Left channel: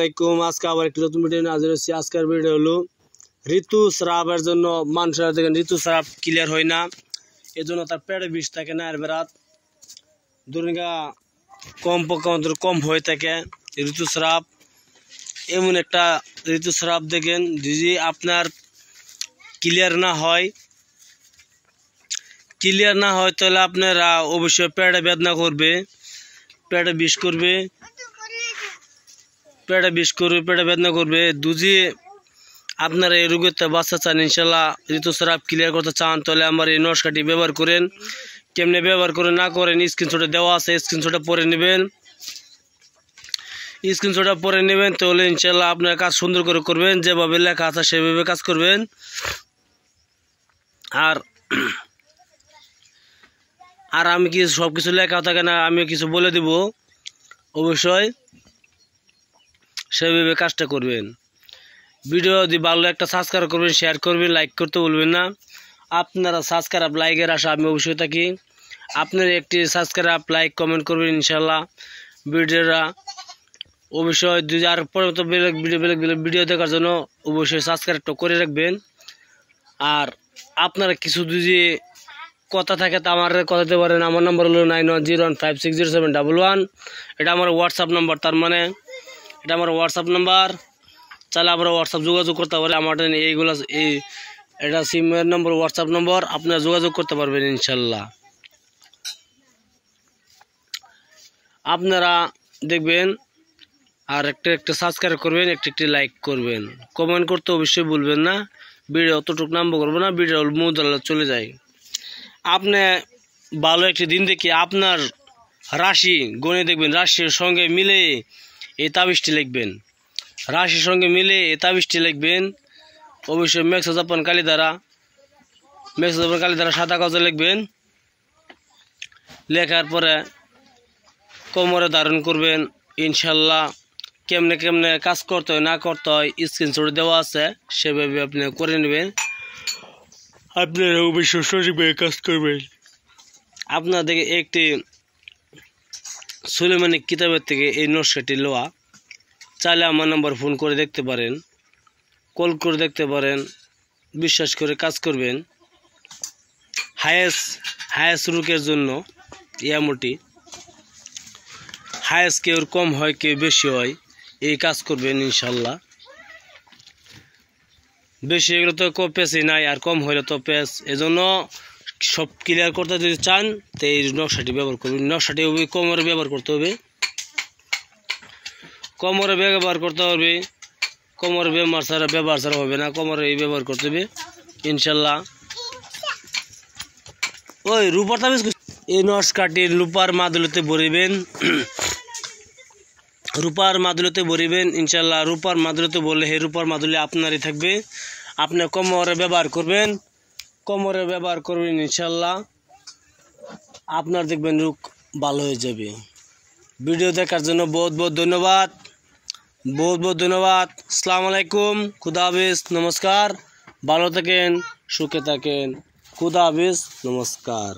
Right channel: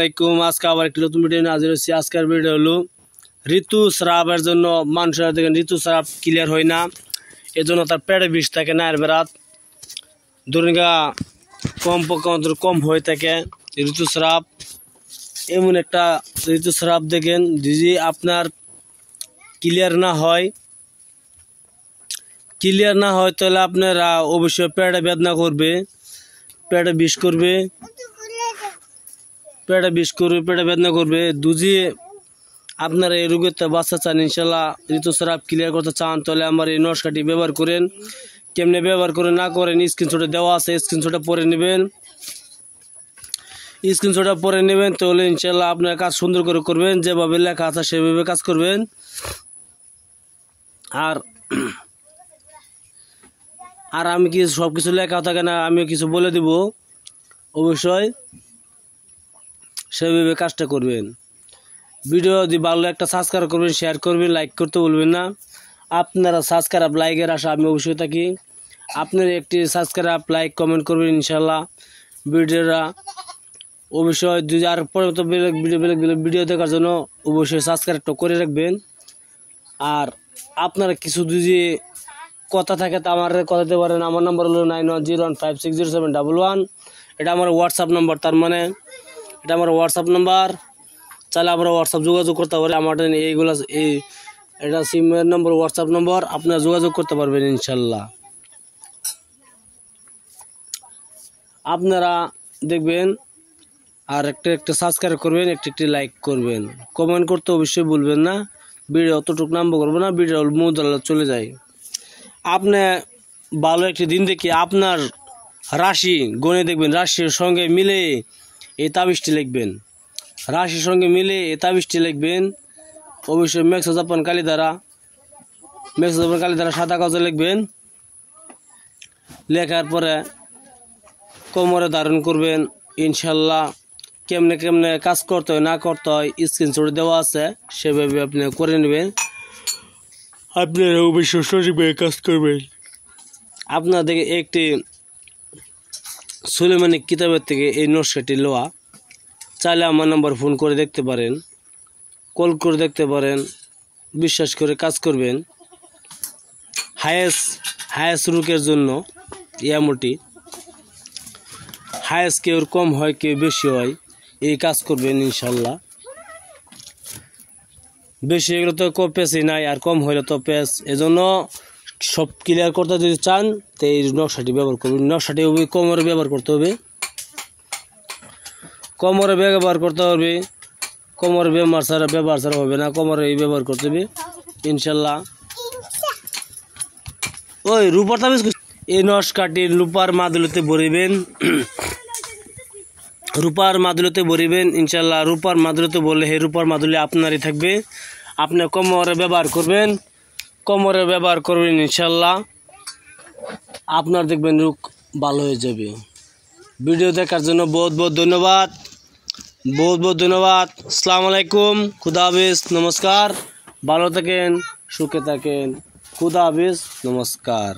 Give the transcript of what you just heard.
আলাইকুম। আজকে আবার একটা নতুন ভিডিও নিয়ে হাজির হচ্ছি। আজকের ভিডিও হলো ঋতুস্রাবের জন্য মানুষের দেখেন ঋতুস্রাব ক্লিয়ার হয় না, এজন্য তার পেটে বিষ থাকে না, এর বেড়াত ধরুন কম হয়ে থাকে ঋতুস্রাব। এমন একটা ঋতুস্রাব দেখেন যদি আপনার ক্লিয়ার না হয় তাহলে আপনারা অবশ্যই পেটে বেদনা করবে, পেটে বিষ করবে, পেটে বেদনা করবে। দুজি আপনারা এই রোগের বাচ্চা চান, ইনশাল্লাহ ঋতুস্রাব ক্লিয়ার করতে চান, তাহলে আমার এই নস্কাটি ব্যবহার করেন। কেমনে ব্যবহার করে না করেন স্ক্রিনশটে দেওয়া আছে, স্ক্রিনশটে পরে নেবেন। তাহলে ইনশাল্লাহ আপনার কাজ সুন্দর করে করবেন, যেভাবে লেখা আছে সেভাবে কাজ করবেন। আর আমি কি সব কিছু লেখা থাকে না, আমি কিছু বলে দিব, অবশ্যই সেভাবে কাজটা করবেন। ভিডিও যদি ভালো একটা সাবস্ক্রাইব করবেন, শেয়ার করবেন, লাইক করতে বলবেন না। আপনারা সাবস্ক্রাইব লাইকের আশা আমি অবশ্যই থাকি। আপনারা একটি সাবস্ক্রাইব লাইক কমেন্ট করবেন, ইনশাল্লাহ ভিডিওটা অবশ্যই যদি আর পরবর্তী ভিডিও দেখার জন্য অবশ্যই সাবস্ক্রাইবটা করে রাখবেন। আর আপনারা কিছু যদি কথা থাকে তা আমার কথা দিতে পারেন। আমার নম্বর হলো 9101560711। এটা আমার হোয়াটসঅ্যাপ নাম্বার, তার মানে এটা আমার হোয়াটসঅ্যাপ নাম্বার। চাইলে আমরা হোয়াটসঅ্যাপ যোগাযোগ করতে পারি। আমার এইগুলো এটা সিমের নম্বর, হোয়াটসঅ্যাপ নম্বর, আপনারা যোগাযোগ করতে পারবেন ইনশাল্লাহ। আপনারা দেখবেন আর একটা সাবস্ক্রাইব করবেন, একটি লাইক করবেন, কমেন্ট করতে অবশ্যই ভুলবেন না। ভিডিও অতটুকু নাম্বার করবো না, ভিডিও মুদালা চলে যায়। আপনি ভালো একটি দিন দেখে আপনার রাশি গণে দেখবেন, রাশির সঙ্গে মিলে এই তাবিজটি লিখবেন, রাশির সঙ্গে মিলে এই তাবিজটি লিখবেন। অবশ্যই মেক্সাজাপান কালি দ্বারা সাদা কাগজে লিখবেন। লেখার পরে কোমরে ধারণ করবেন ইনশাল্লাহ। কেমনে কাজ করতে হয় না করতে হয় স্ক্রিনশট দেওয়া আছে, সেভাবে আপনি করে নেবেন। আপনারা অবশ্যই সঠিকভাবে কাজ করবেন। আপনাদের একটি সুলেমানিক কিতাবের থেকে এই নকশাটি লওয়া। চাইলে আমার নাম্বার ফোন করে দেখতে পারেন, কল করে দেখতে পারেন, বিশ্বাস করে কাজ করবেন। হায়েস রোগের জন্য ইয়ামোটি হায়েস কেউ কম হয় কেউ বেশি হয়, এই কাজ করবেন ইনশাল্লাহ। বেশি এগুলো তো পেসই নাই, আর কম হইলে তো পেস। এজন্য সব ক্লিয়ার করতে যদি চান তো এই নকশাটি ব্যবহার করবেন। নকশাটি কোমরে ব্যবহার করতে হবে, কোমরে ব্যবহার ছাড়া হবে না, কোমরে এই ব্যবহার করতে হবে ইনশাল্লাহ। ওই রূপার তাবিজ এই নকশাটি রূপার মাদুলিতে ভরিবেন, ইনশাল্লাহ। রূপার মাদুলিতে বললে হে রূপার মাদুলি আপনারই থাকবে। আপনি কোমরে ব্যবহার করবেন ইনশাল্লাহ। আপনার দেখবেন রোগ ভালো হয়ে যাবে। ভিডিও দেখার জন্য বহুত ধন্যবাদ। আসসালামু আলাইকুম, খুদা হাফেজ, নমস্কার। ভালো থাকেন, সুখে থাকেন, খুদা হাফেজ, নমস্কার।